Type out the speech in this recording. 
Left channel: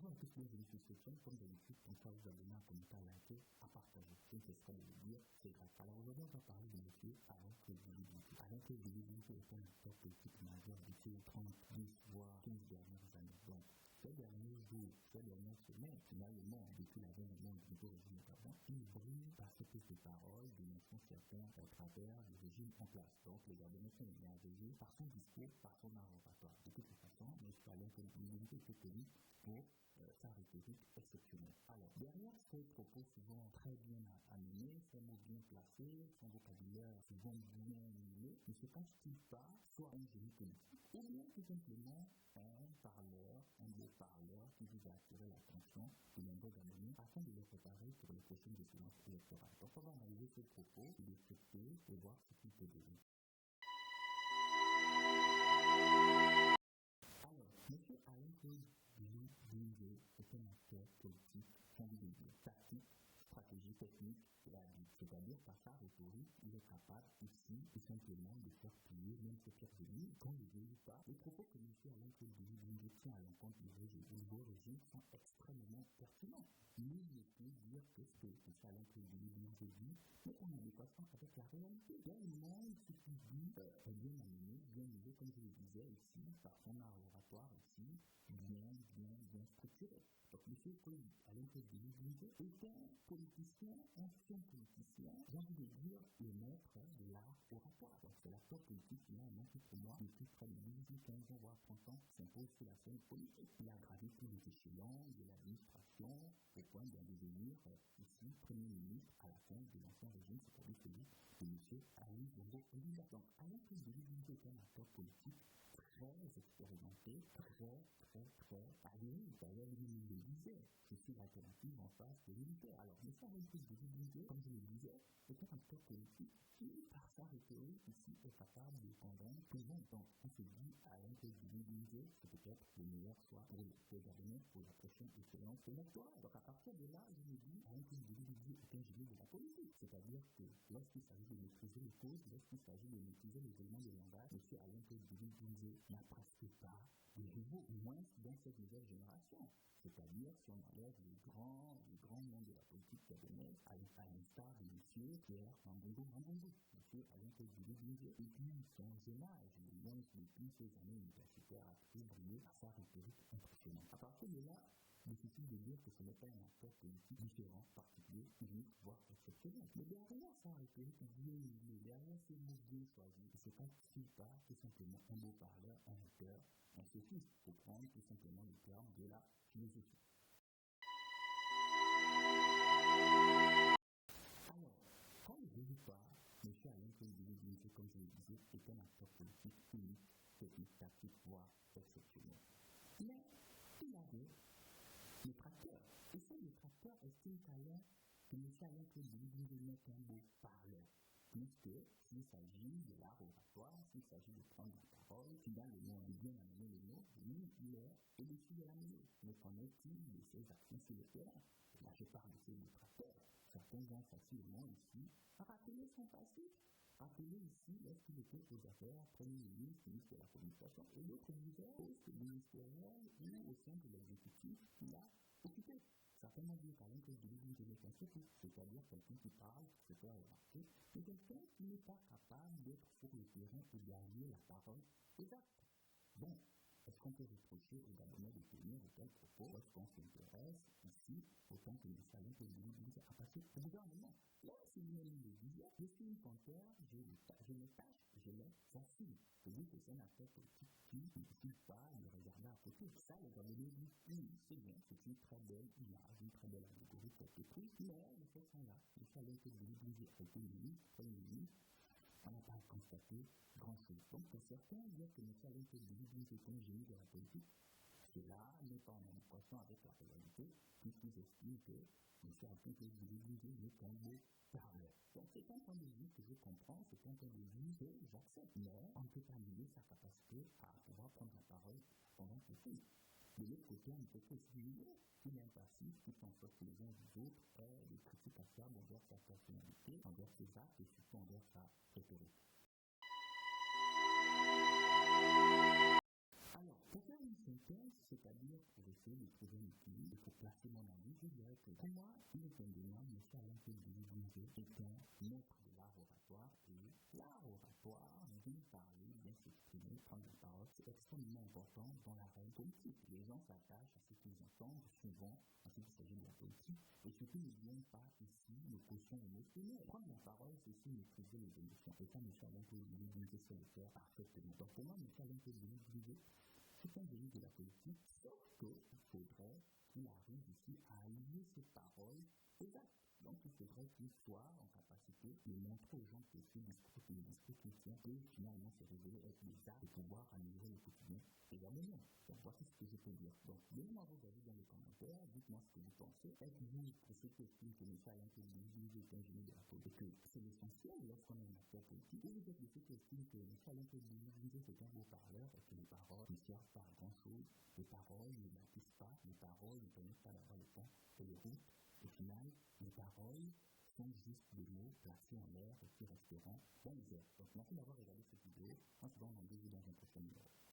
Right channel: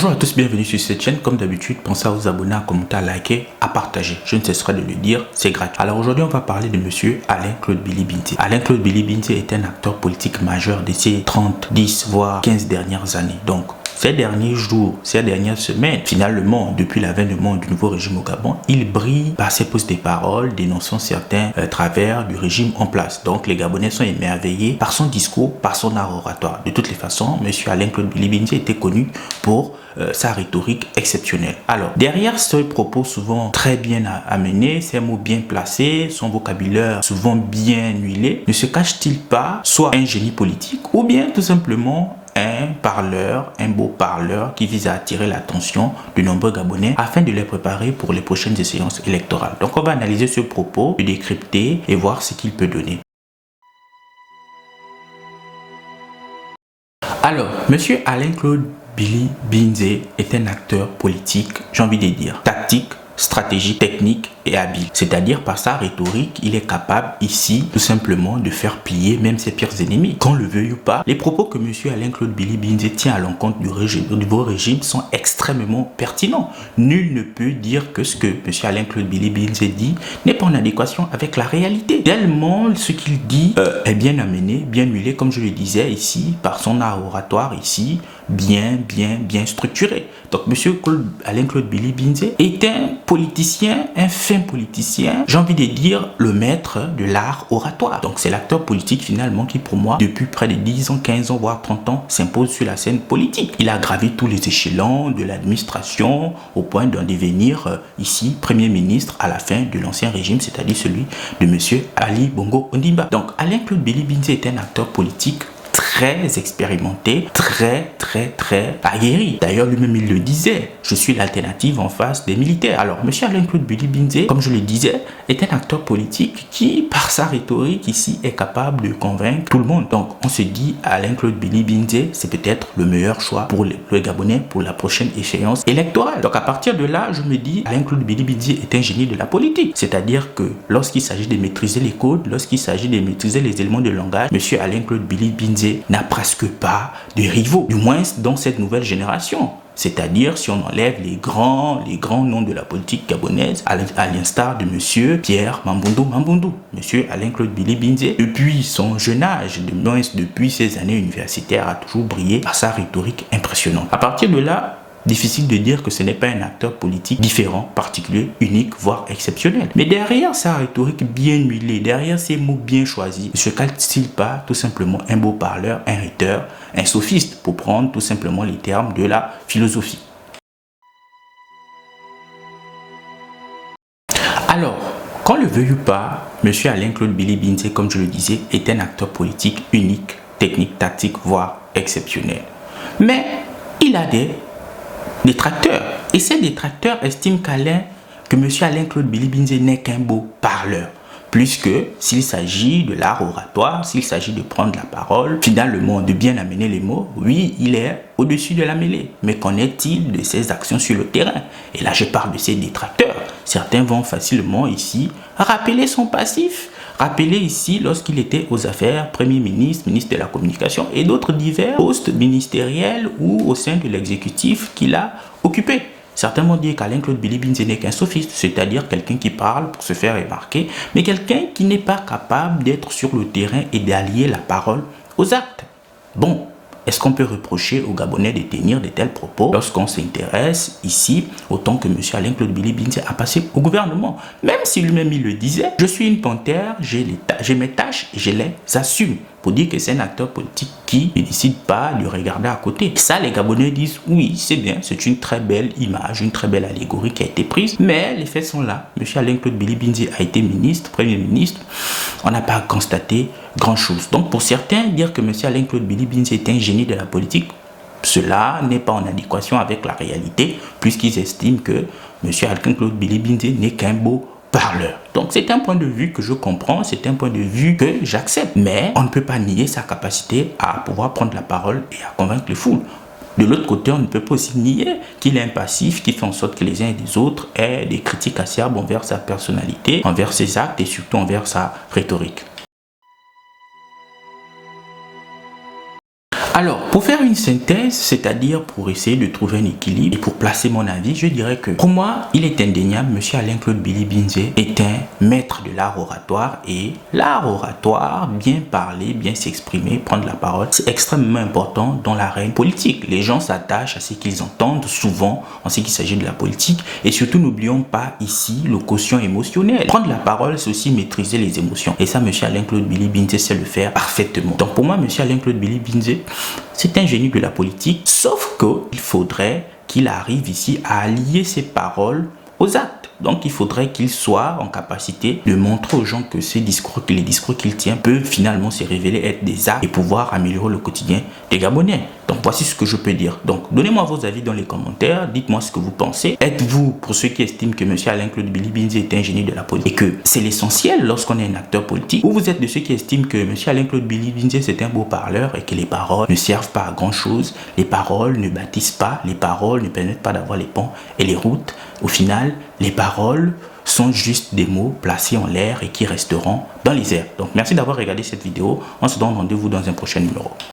Bonjour à tous, bienvenue sur cette chaîne. Comme d'habitude, pensez à vous abonner, à commenter, à liker, à partager. Je ne cesserai de le dire, c'est gratuit. Alors aujourd'hui, on va parler de monsieur Alain-Claude Billy-Binté. Alain-Claude Billy-Binté est un acteur politique majeur de ces 30, 10, voire 15 dernières années. Donc, ces derniers jours, ces dernières semaines, finalement, depuis l'avènement du nouveau régime au Gabon, il brille par ses postes de parole, dénonçant certains travers du régime en place. Donc, les Gabonais sont émerveillés par son discours, par son art oratoire. De toutes les façons, M. Alain-Claude Billy-Binté était connu pour sa rhétorique exceptionnelle. Alors, derrière ce propos souvent très bien amené, ces mots bien placés, son vocabulaire souvent bien huilé, ne se cache-t-il pas soit un génie politique ou bien tout simplement un parleur, un beau parleur qui vise à attirer l'attention de nombreux Gabonais afin de les préparer pour les prochaines échéances électorales. Donc on va analyser ce propos, le décrypter et voir ce qu'il peut donner. Alors, monsieur Alain-Claude Billy-Binté est un acteur politique, j'ai envie de dire, tactique, stratégique, technique et habile. C'est-à-dire par sa rhétorique, il est capable ici tout simplement de faire plier même ses pires ennemis. Qu'on le veuille ou pas, les propos que M. Alain-Claude Billy-Binté tient à l'encontre du nouveau régime sont extrêmement pertinents. Nul ne peut dire que ce que M. Alain-Claude Billy-Binté dit n'est pas en adéquation avec la réalité. Tellement ce qu'il dit est bien amené, bien huilé, comme je le disais ici, par son art oratoire ici, bien structuré. Donc M. Alain-Claude Billy-Binté est un politicien, un fin politicien, j'ai envie de dire le maître de l'art oratoire. Donc c'est l'acteur politique finalement qui pour moi, depuis près de 10 ans, 15 ans, voire 30 ans, s'impose sur la scène politique. Il a gravi tous les échelons de l'administration au point d'en devenir ici Premier ministre à la fin de l'ancien régime, c'est-à-dire celui de M. Ali Bongo Ondimba. Donc Alain-Claude Billy-Binté est un acteur politique très expérimenté, très aguerri. D'ailleurs, lui-même, il le disait, je suis l'alternative en face des militaires. Alors, M. Alain-Claude Billy-Binté, comme je le disais, est un acteur politique qui, par sa rhétorique ici, est capable de convaincre tout le monde. Donc, on se dit, Alain-Claude Billy-Binté, c'est peut-être le meilleur choix pour le Gabonais pour la prochaine échéance électorale. Donc, à partir de là, je me dis, Alain-Claude Billy-Binté est un génie de la politique. C'est-à-dire que lorsqu'il s'agit de maîtriser les codes, lorsqu'il s'agit de maîtriser les éléments de langage, M. Alain-Claude Billy-Binté n'a presque pas de rivaux, du moins dans cette nouvelle génération. C'est-à-dire si on enlève les grands noms de la politique gabonaise, à l'instar de M. Pierre Mamboundou. M. Alain-Claude Billy-Binté, depuis son jeune âge, depuis ses années universitaires, a toujours brillé par sa rhétorique impressionnante. À partir de là, difficile de dire que ce n'est pas un acteur politique différent, particulier, unique, voire exceptionnel. Mais derrière sa rhétorique bien huilée, derrière ses mots bien choisis, ne se cache-t-il pas tout simplement un beau parleur, un rhéteur, un sophiste, pour prendre tout simplement les termes de la philosophie. Alors, qu'on le veuille ou pas, M. Alain-Claude Billy-Binté, comme je le disais, est un acteur politique unique, technique, tactique, voire exceptionnel. Mais il a des détracteurs. Et ces détracteurs estiment que M. Alain-Claude Billy-Binté n'est qu'un beau parleur. Puisque s'il s'agit de l'art oratoire, s'il s'agit de prendre la parole, finalement de bien amener les mots, oui, il est au-dessus de la mêlée. Mais qu'en est-il de ses actions sur le terrain? Et là, je parle de ses détracteurs. Certains vont facilement ici rappeler son passif. Rappelez ici lorsqu'il était aux affaires, Premier ministre, ministre de la Communication et d'autres divers postes ministériels ou au sein de l'exécutif qu'il a occupé. Certains vont dire qu'Alain-Claude Billy-Binté n'est qu'un sophiste, c'est-à-dire quelqu'un qui parle pour se faire remarquer, mais quelqu'un qui n'est pas capable d'être sur le terrain et d'allier la parole aux actes. Bon, est-ce qu'on peut reprocher aux Gabonais de tenir de tels propos lorsqu'on s'intéresse ici autant que M. Alain-Claude Billy-Binté a passé au gouvernement? Même si lui-même il le disait, je suis une panthère, j'ai mes tâches et je les assume. Pour dire que c'est un acteur politique qui ne décide pas de regarder à côté. Ça, les Gabonais disent, oui, c'est bien, c'est une très belle image, une très belle allégorie qui a été prise, mais les faits sont là. M. Alain-Claude Billy-Binté a été ministre, Premier ministre, on n'a pas constaté grand-chose. Donc pour certains, dire que M. Alain-Claude Billy-Binté est un génie de la politique, cela n'est pas en adéquation avec la réalité, puisqu'ils estiment que M. Alain-Claude Billy-Binté n'est qu'un beau parleur. Donc c'est un point de vue que je comprends, c'est un point de vue que j'accepte. Mais on ne peut pas nier sa capacité à pouvoir prendre la parole et à convaincre les foules. De l'autre côté, on ne peut pas aussi nier qu'il est un passif qui fait en sorte que les uns et les autres aient des critiques acerbes envers sa personnalité, envers ses actes et surtout envers sa rhétorique. Alors, pour faire une synthèse, c'est-à-dire pour essayer de trouver un équilibre et pour placer mon avis, je dirais que pour moi, il est indéniable, M. Alain-Claude Billy-Binze est un maître de l'art oratoire, et l'art oratoire, bien parler, bien s'exprimer, prendre la parole, c'est extrêmement important dans l'arène politique. Les gens s'attachent à ce qu'ils entendent souvent en ce qu'il s'agit de la politique, et surtout n'oublions pas ici le quotient émotionnel. Prendre la parole, c'est aussi maîtriser les émotions, et ça, M. Alain-Claude Billy-Binze sait le faire parfaitement. Donc pour moi, M. Alain-Claude Billy-Binze, c'est un génie de la politique, sauf qu'il faudrait qu'il arrive ici à allier ses paroles aux actes. Donc il faudrait qu'il soit en capacité de montrer aux gens que les discours qu'il tient peuvent finalement se révéler être des actes et pouvoir améliorer le quotidien des Gabonais. Donc voici ce que je peux dire. Donc donnez-moi vos avis dans les commentaires, dites-moi ce que vous pensez. Êtes-vous pour ceux qui estiment que M. Alain-Claude Billy-Binze est un génie de la politique et que c'est l'essentiel lorsqu'on est un acteur politique, ou vous êtes de ceux qui estiment que M. Alain-Claude Billy-Binze c'est un beau parleur et que les paroles ne servent pas à grand chose, les paroles ne bâtissent pas, les paroles ne permettent pas d'avoir les ponts et les routes. Au final, les paroles sont juste des mots placés en l'air et qui resteront dans les airs. Donc merci d'avoir regardé cette vidéo. On se donne rendez-vous dans un prochain numéro.